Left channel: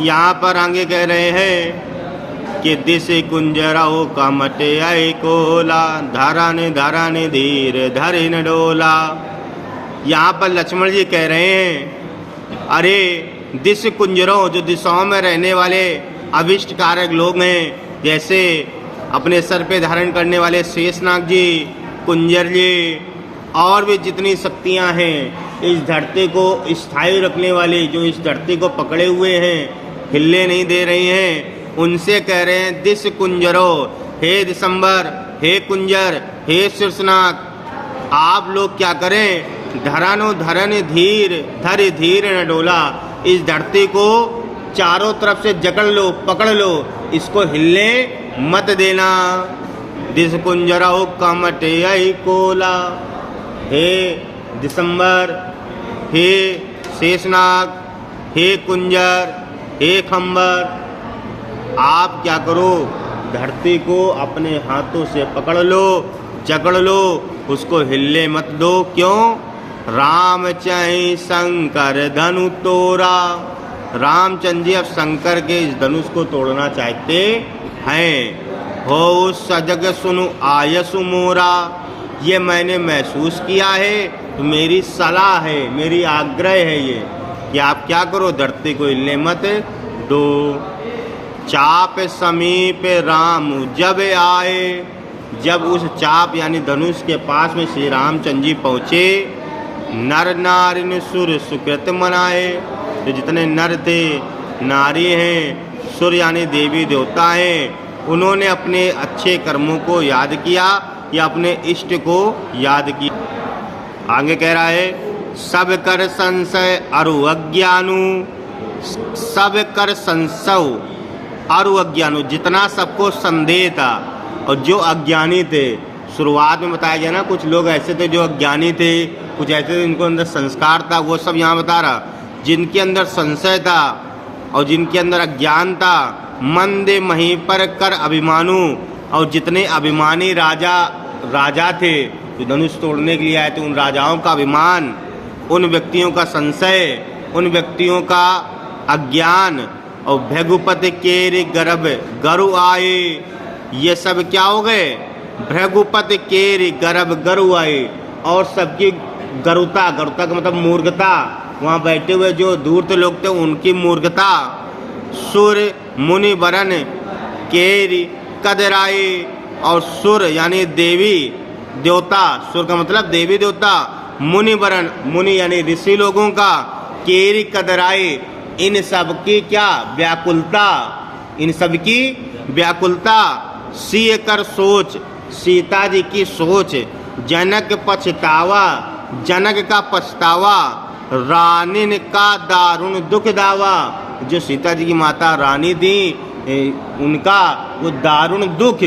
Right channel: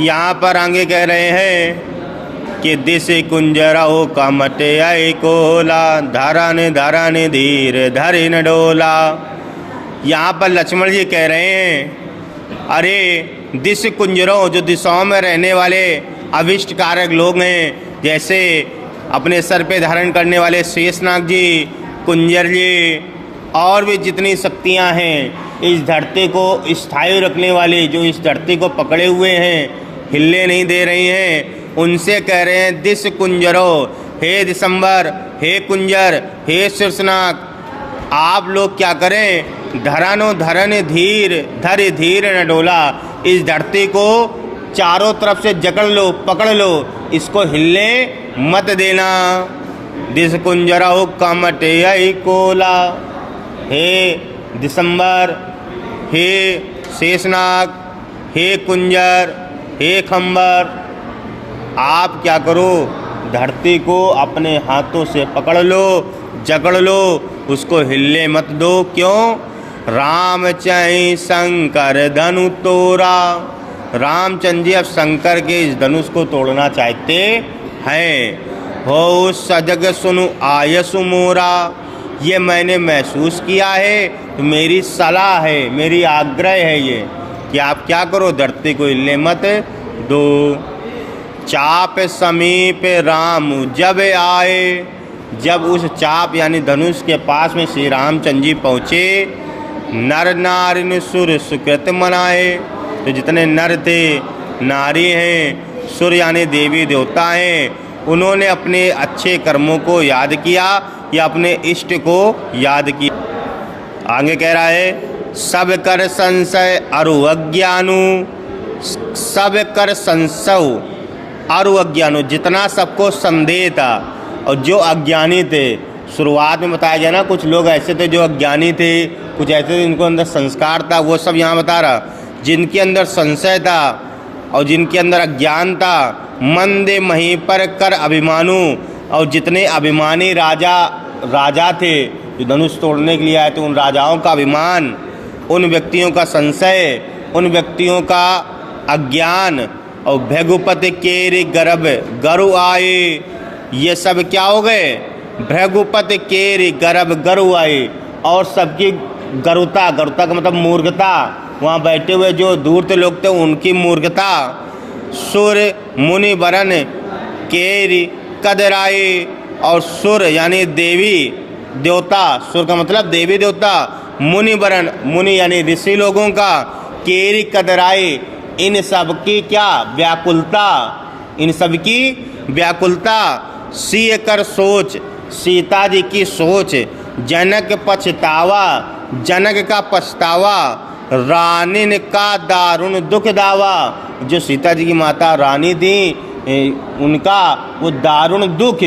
यहाँ पर आगे कह रहे हैं कि दिस कुंजराओ का मटे आए कोला, धारा ने धीर धरे न डोला। यहाँ पर लक्ष्मण जी कह रहे हैं, अरे दिस कुंजरों, जो दिशाओं में रहने वाले अभिष्ट कारक लोग हैं, जैसे अपने सर पे धारण करने वाले शेषनाग जी, कुंजर जी, और भी जितनी शक्तियाँ हैं, इस धरती को स्थायी रखने वाले, जो इस धरती को पकड़े हुए हैं, हिलने नहीं दे रहे हैं, उनसे कह रहे हैं दिस कुंजरो, हे दिसंबर, हे कुंजर, हे शेषनाग, आप लोग क्या करें, धरन धीर न डोला, इस धरती को चारों तरफ से जकड़ लो, पकड़ लो, इसको हिलने मत देना। दिस कुंजराओ का मटे आई कोला, हे दिसंबर, हे शेषनाग, हे कुंजर, हे खंबर, आप क्या करो, धरती को अपने हाथों से पकड़ लो, जकड़ लो, उसको हिलने मत दो। क्यों? राम चै शंकर धनु तोरा, रामचंद्र जी अब शंकर के इस धनुष को तोड़ना चाहते हैं। हो सजग सुनु आयसु मोरा, ये मैंने महसूस किया है, तो मेरी सलाह है, मेरी आग्रह है ये कि आप क्या करो, धरती को हिलने मत दो। चाप समीप राम जब आए, जब उस चाप यानी धनुष के पास में श्री रामचंद्र जी पहुँचे, नर नारिन सुर सुकृत मनाए, तो जितने नर थे, नारी हैं, सुर यानी देवी देवता हैं, उन्होंने अपने अच्छे कर्मों को याद किया या अपने इष्ट को याद किया। आगे कह रहा है, सब कर संशय अरु अज्ञानु, सब कर संशय अरु अज्ञानु, जितना सबको संदेह था और जो अज्ञानी थे। शुरुआत में बताया जाए ना, कुछ लोग ऐसे थे जो अज्ञानी थे, कुछ ऐसे थे जिनको अंदर संस्कार था, वो सब यहाँ बता रहा। जिनके अंदर संशय था और जिनके अंदर अज्ञान था, मंदे मही पर कर अभिमानु, और जितने अभिमानी राजा थे जो धनुष तोड़ने के लिए आए थे, उन राजाओं का अभिमान, उन व्यक्तियों का संशय, उन व्यक्तियों का अज्ञान, और भृगुपति केरी गर्भ गरु आए, ये सब क्या हो गए, भृगुपति केरी गर्भ गरु आए, और सबकी गरुता का मतलब मूर्खता, वहाँ बैठे हुए जो दूर लोग थे उनकी मूर्खता। सुर मुनि वरन केरी कदराए, और सुर यानी देवी देवता, सुर का मतलब देवी देवता, मुनि वरन, मुनि यानी ऋषि लोगों का, केरी कदराए, इन सब की क्या व्याकुलता, इन सब की व्याकुलता। सीय कर सोच, सीता जी की सोच, जनक पछतावा, जनक का पछतावा, रानिन का दारुण दुख दावा, जो सीता जी की माता रानी थी, उनका वो दारुण दुख,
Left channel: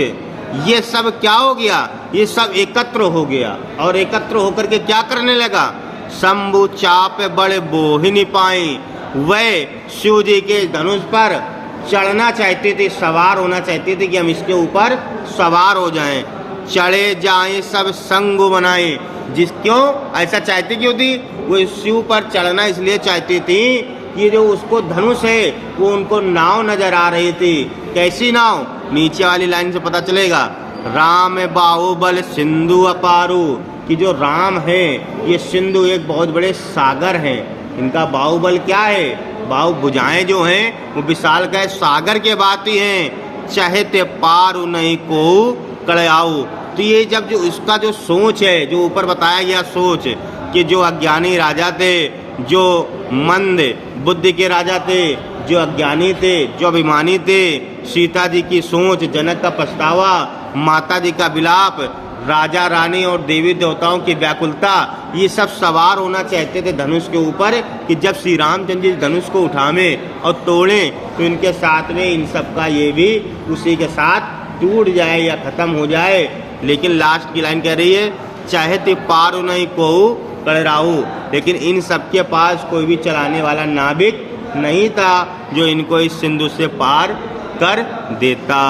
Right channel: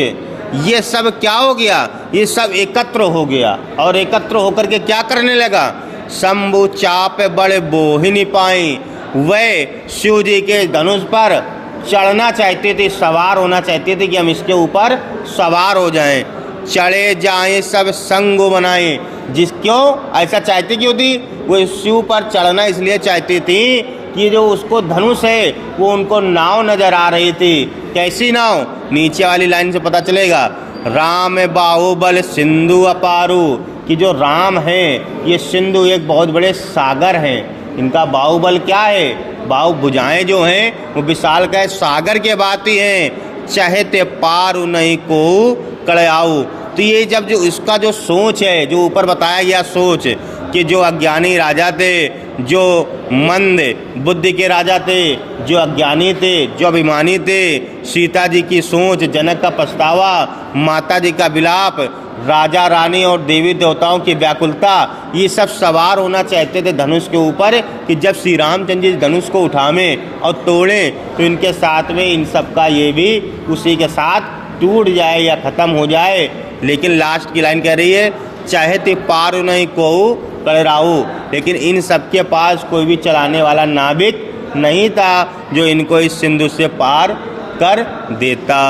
ये सब क्या हो गया, ये सब एकत्र हो गया। और एकत्र होकर के क्या करने लगा, शंभु चाप बड़े बोहिनी पाई, वह शिव जी के धनुष पर चढ़ना चाहते थे, सवार होना चाहते थे कि हम इसके ऊपर सवार हो जाएं, चढ़े जाएं सब संग बनाए। क्यों ऐसा चाहती क्यों थी, वो शिव पर चढ़ना इसलिए चाहती थी कि जो उसको धनुष है वो उनको नाव नजर आ रही थी। कैसी नाव, नीचे वाली लाइन से पता चलेगा, राम बाहुबल सिंधु अपारू, कि जो राम है ये सिंधु एक बहुत बड़े सागर हैं, इनका बाहुबल क्या है, बाहु भुजाएं जो हैं वो विशाल का सागर के बाती हैं, चाहते पार नहीं को कड़ाऊ। तो ये जब जो इसका जो सोच है, जो ऊपर बताया गया सोच, कि जो अज्ञानी राजा थे, जो मंद बुद्धि के राजा थे, जो अज्ञानी थे, जो अभिमानी थे, सीता जी की सोच, जनक का पछतावा, माता जी का विलाप, राजा रानी और देवी देवताओं की व्याकुलता, ये सब सवार होना चाहते थे धनुष के ऊपर, कि जब श्री रामचंद्र जी धनुष को उठावें और तोड़ें तो इनके साथ में इन सब का ये भी उसी के साथ टूट जाए या ख़त्म हो जाए। लेकिन लास्ट की लाइन कह रही है, चाहे पार नहीं को कड़राऊ, लेकिन इन सब के पास कोई भी चलाने वाला नाविक नहीं था जो इनको इस सिंधु से पार कर देता।